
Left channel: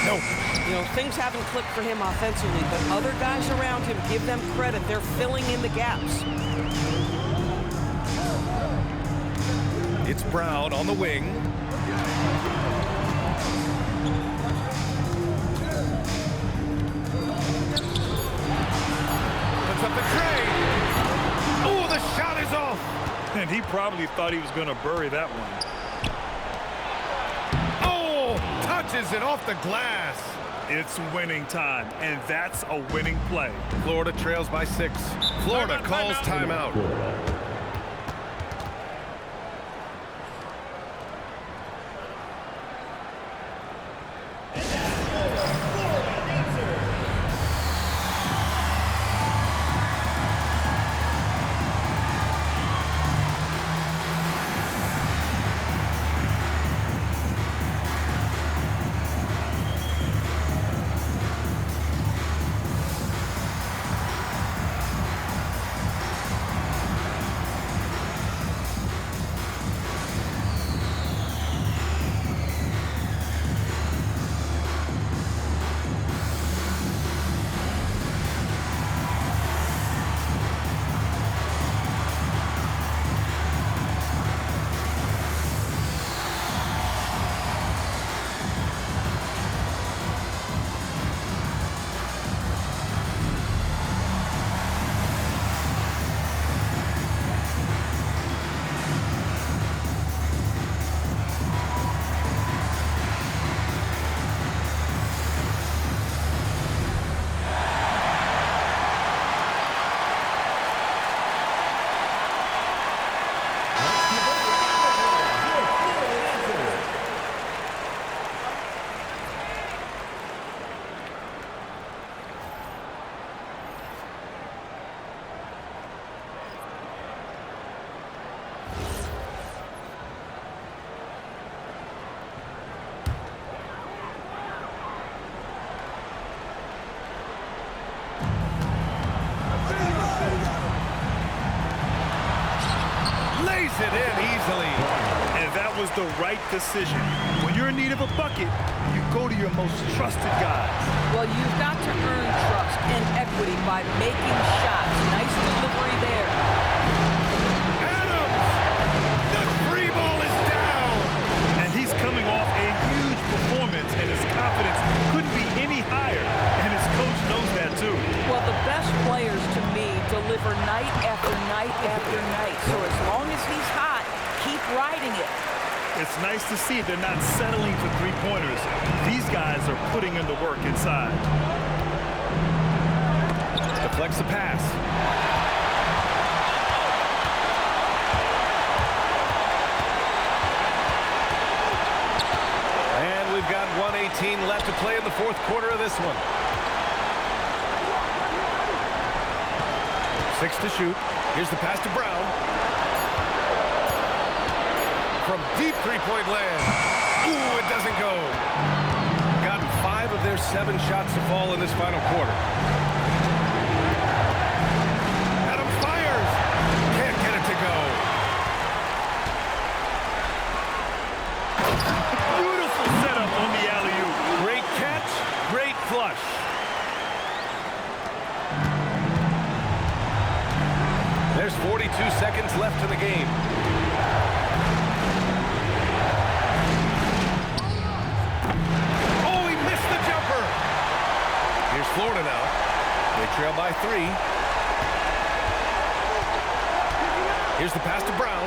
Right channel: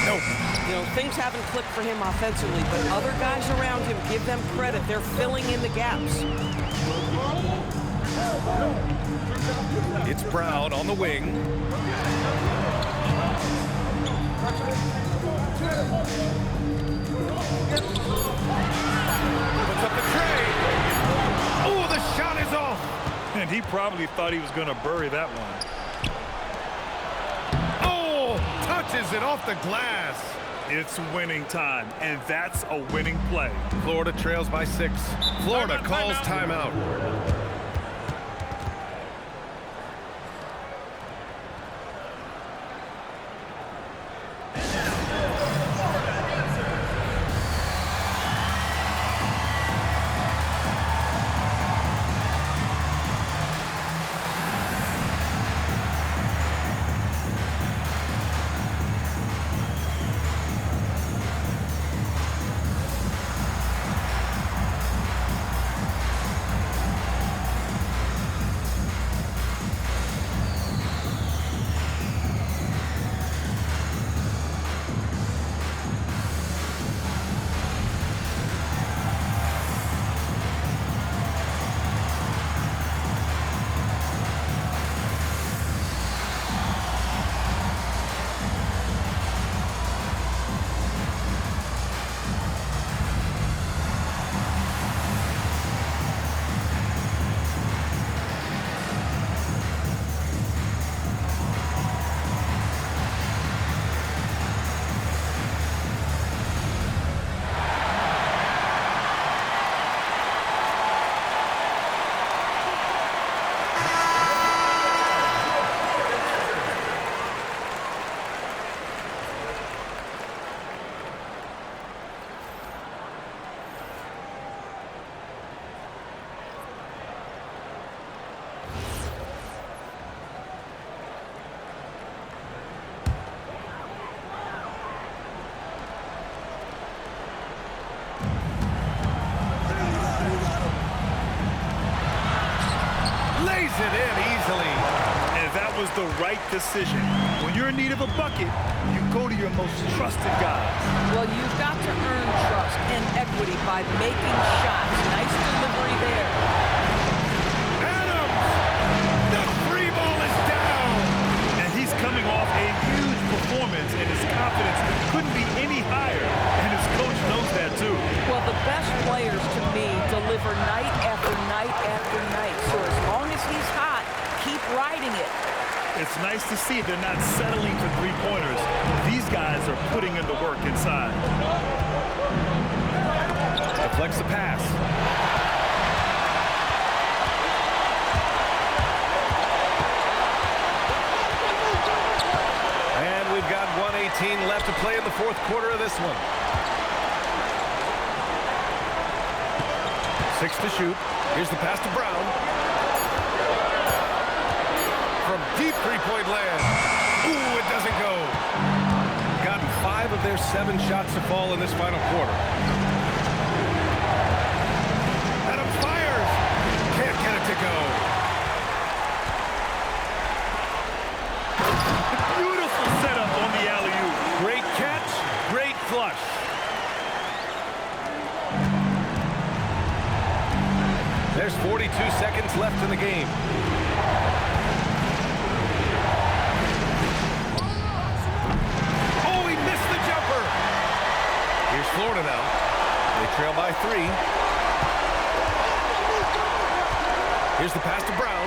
Nope. You know, things haven't clicked for him offensively, but other guys around him, give them credit. They're filling in the gaps. It's Brown on the wing. Puts up the tray. Oh, the shot is off. And he probably thought he was going to bury that one. Oh, touches it off the glass. It's winning time, and that's a winning play. Florida trails by 6. Florida calls timeout. lays it in easily. And that was the right decision. When you're in need of a bucket, you go to your most trusted guys. Well, you've got to earn trust and equity by making shots. Nice delivery there. Adams! The free ball is down! And he's coming off a huge performance, and his confidence couldn't be any higher. And his coach knows that, too. Well, the best players, to me, deliver night after night after night. So as long as he's hot, keep riding it. It's nice to see they're not settling for three-pointers. These guys are putting in the work inside. Deflects the pass. And we've got 1:18 left to play in the fourth quarter of this one. 6 to shoot. Here's the pass to Brown. From deep three-point land. Ooh, it doesn't go. Gotten 5 of their 7 shots to fall in this final quarter. Adams fires. Can't get it to go. Beautiful setup on the alley-oop. Great catch, great flush. There's 42 seconds left in the game. Oh, he missed the jumper. Here's Florida now. They trail by 3. Here's the pass to Brown.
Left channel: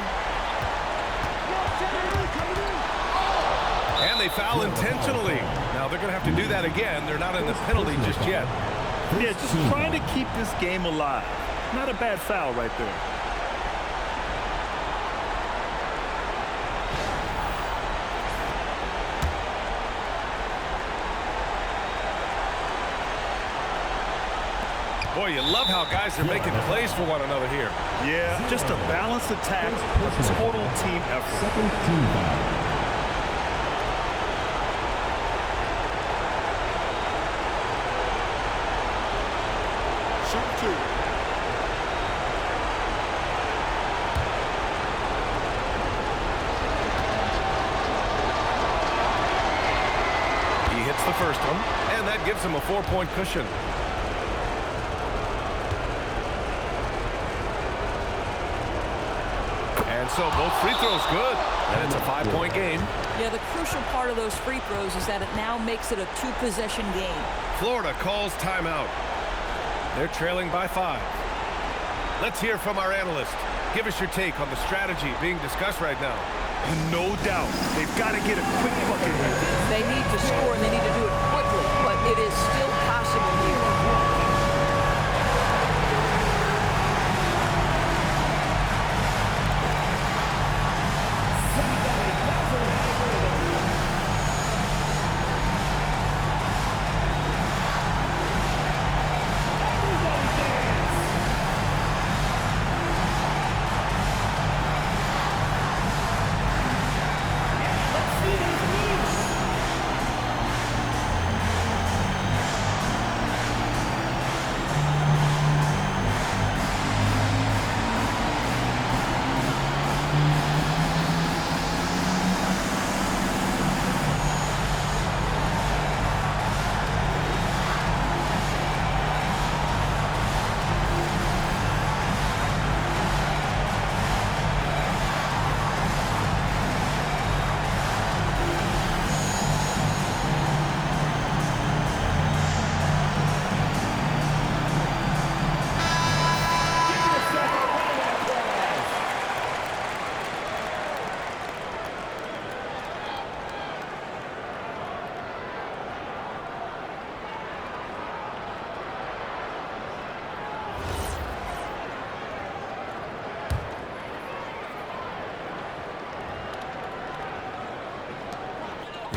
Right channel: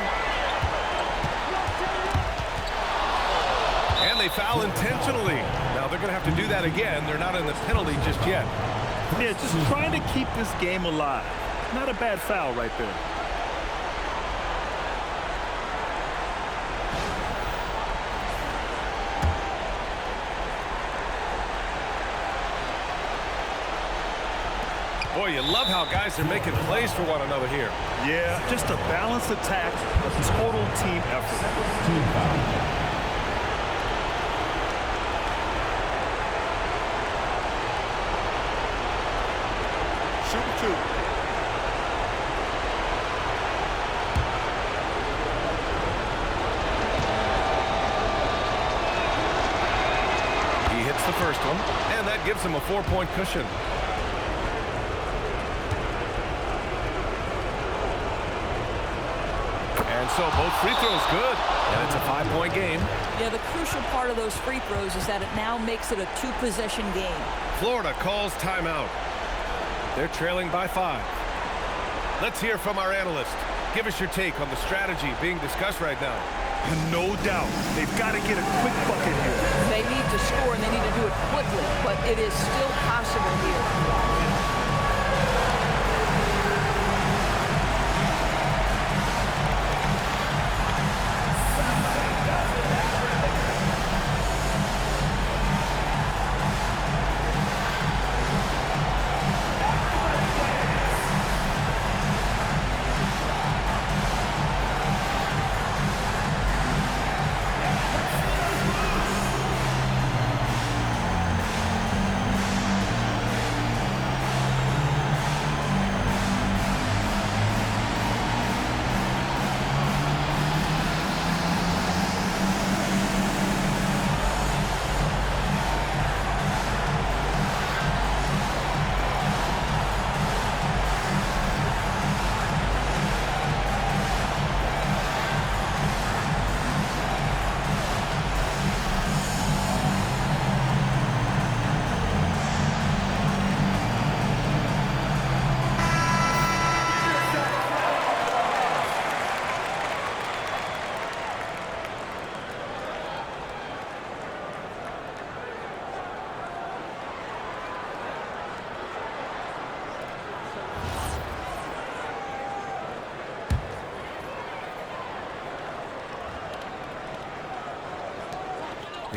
And they foul intentionally. Now they're going to have to do that again. They're not in the penalty just yet. Yeah, just trying to keep this game alive. Not a bad foul right there. Boy, you love how guys are making plays for one another here. Yeah, just a balanced attack, a total team effort. Second team foul. Shoot 2. He hits the first one, and that gives him a 4-point cushion. And so both free throws good, and it's a 5-point game. Yeah, the crucial part of those free throws is that it now makes it a 2-possession game. Florida calls timeout. They're trailing by 5. Let's hear from our analyst. Give us your take on the strategy being discussed right now. No doubt. They've got to get a quick bucket here. They need to score, and they need to do it quickly, but it is still possible here.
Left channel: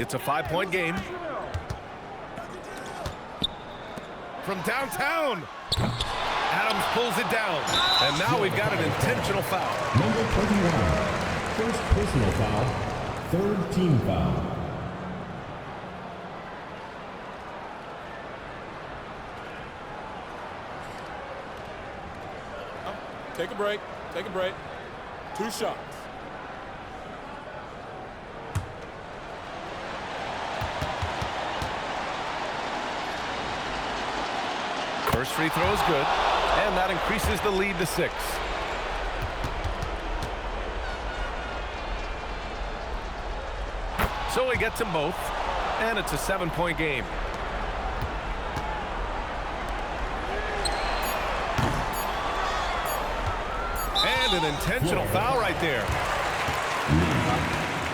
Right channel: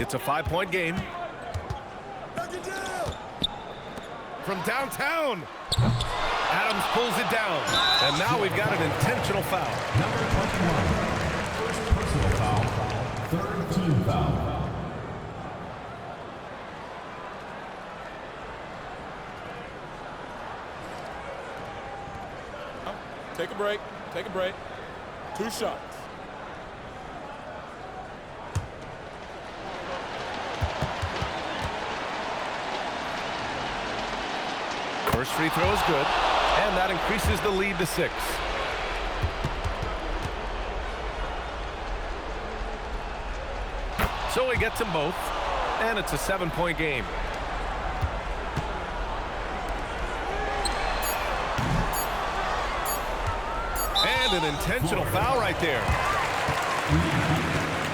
It's a 5-point game. From downtown. Adams pulls it down. And now we've got an intentional foul. Number 21. First personal foul. Third team foul. Take a break. Take a break. 2 shots. First free throw is good, and that increases the lead to 6. So he gets them both, and it's a 7-point game. And an intentional foul right there.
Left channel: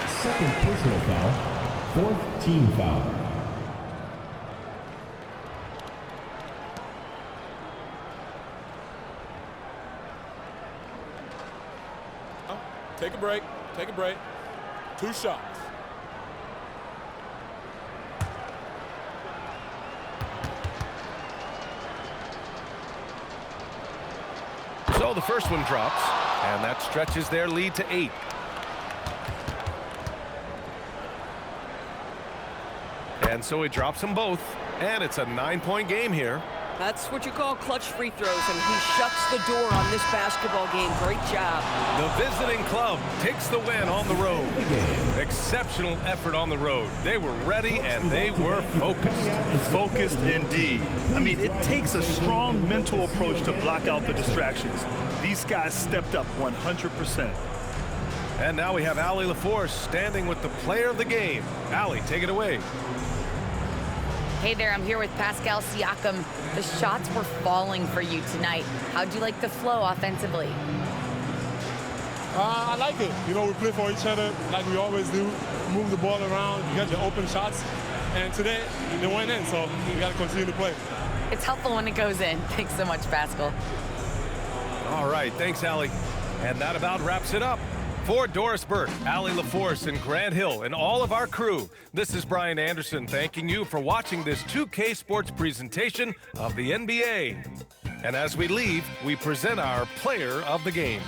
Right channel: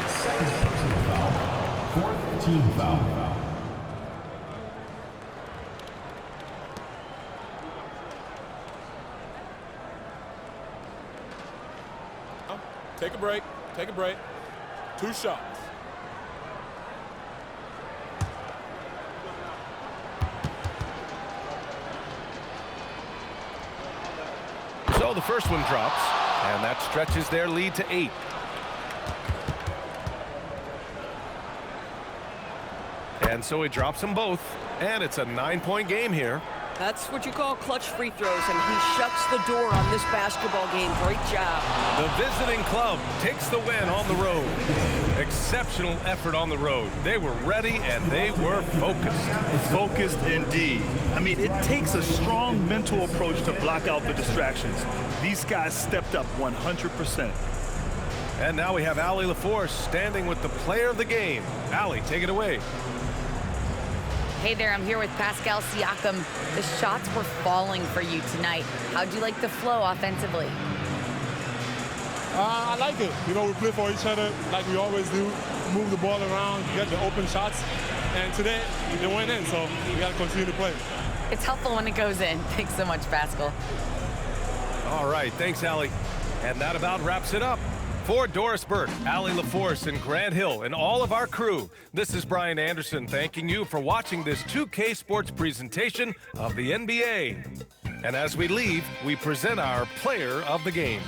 Second personal foul. 4th team foul. Take a break. Take a break. 2 shots. So the first one drops, and that stretches their lead to 8. And so he drops them both, and it's a 9-point game here. That's what you call clutch free throws, and he shuts the door on this basketball game. Great job. The visiting club takes the win on the road. Exceptional effort on the road. They were ready, and they were focused. Focused indeed. I mean, it takes a strong mental approach to block out the distractions. These guys stepped up 100%. And now we have Allie LaForce standing with the player of the game. Allie, take it away. Hey there, I'm here with Pascal Siakam. The shots were falling for you tonight. How'd you like the flow offensively? I like it. You know, we play for each other like we always do. Move the ball around, get the open shots. And today, they went in, so we got to continue to play. It's helpful when it goes in. Thanks so much, Pascal. All right, thanks, Allie. And that about wraps it up. For Doris Burke, Allie LaForce, and Grant Hill, and all of our crew, this is Brian Anderson thanking you for watching this 2K Sports presentation of the NBA. And as we leave, we present our player of the game.